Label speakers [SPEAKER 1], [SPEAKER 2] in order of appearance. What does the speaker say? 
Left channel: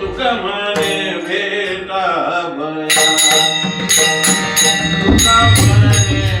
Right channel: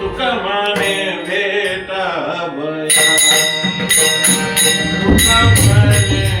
[SPEAKER 1] तुका म्हणे भेटा भया तुका म्हणे